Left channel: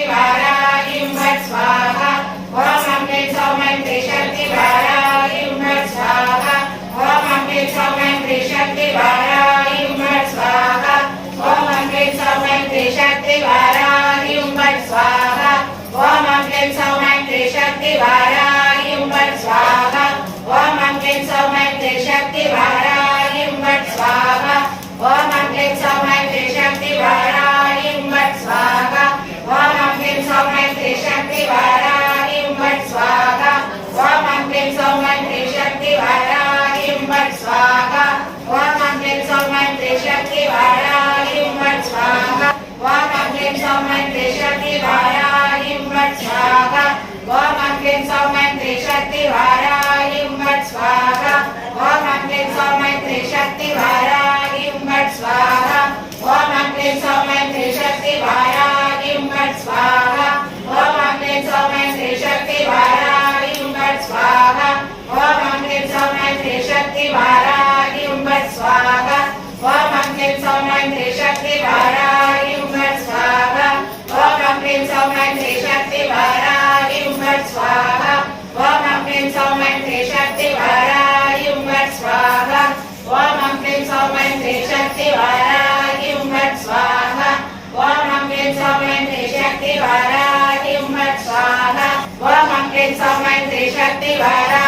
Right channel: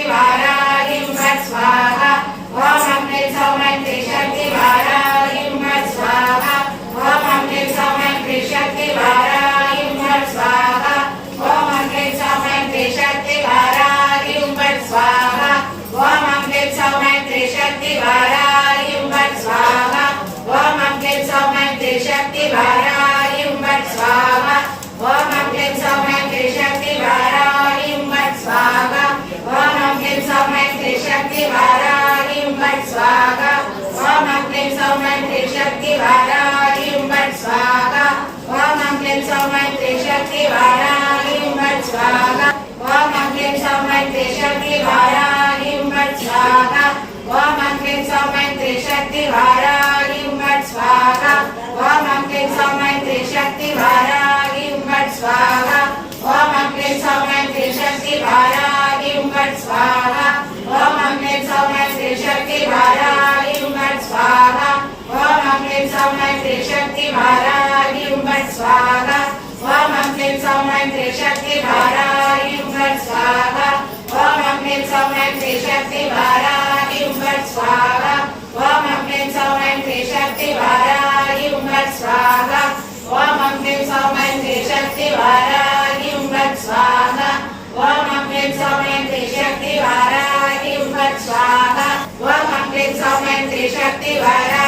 शक्ति वाराहिं वत् स्वाहा ओम अग्नि सौमन्त्रि शक्ति वाराहिं वत् स्वाहा ओम अग्नि सौमन्त्रि शक्ति वाराहिं वत् स्वाहा ओम अग्नि सौमन्त्रि शक्ति वाराहिं वत् स्वाहा ओम अग्नि सौमन्त्रि शक्ति वाराहिं वत् स्वाहा ओम अग्नि सौमन्त्रि शक्ति वाराहिं वत् स्वाहा ओम अग्नि सौमन्त्रि शक्ति वाराहिं वत् स्वाहा ओम अग्नि सौमन्त्रि शक्ति वाराहिं वत् स्वाहा ओम अग्नि सौमन्त्रि शक्ति वाराहिं वत् स्वाहा ओम अग्नि सौमन्त्रि शक्ति वाराहिं वत् स्वाहा ओम अग्नि सौमन्त्रि शक्ति वाराहिं वत् स्वाहा ओम अग्नि सौमन्त्रि शक्ति वाराहिं वत् स्वाहा ओम अग्नि सौमन्त्रि शक्ति वाराहिं वत् स्वाहा ओम अग्नि सौमन्त्रि शक्ति वाराहिं वत् स्वाहा ओम अग्नि सौमन्त्रि शक्ति वाराहिं वत् स्वाहा ओम अग्नि सौमन्त्रि शक्ति वाराहिं वत् स्वाहा ओम अग्नि सौमन्त्रि शक्ति वाराहिं वत् स्वाहा ओम अग्नि सौमन्त्रि शक्ति वाराहिं वत् स्वाहा ओम अग्नि सौमन्त्रि शक्ति वाराहिं वत् स्वाहा ओम अग्नि सौमन्त्रि शक्ति वाराहिं वत् स्वाहा ओम अग्नि सौमन्त्रि शक्ति वाराहिं वत् स्वाहा ओम अग्नि सौमन्त्रि शक्ति वाराहिं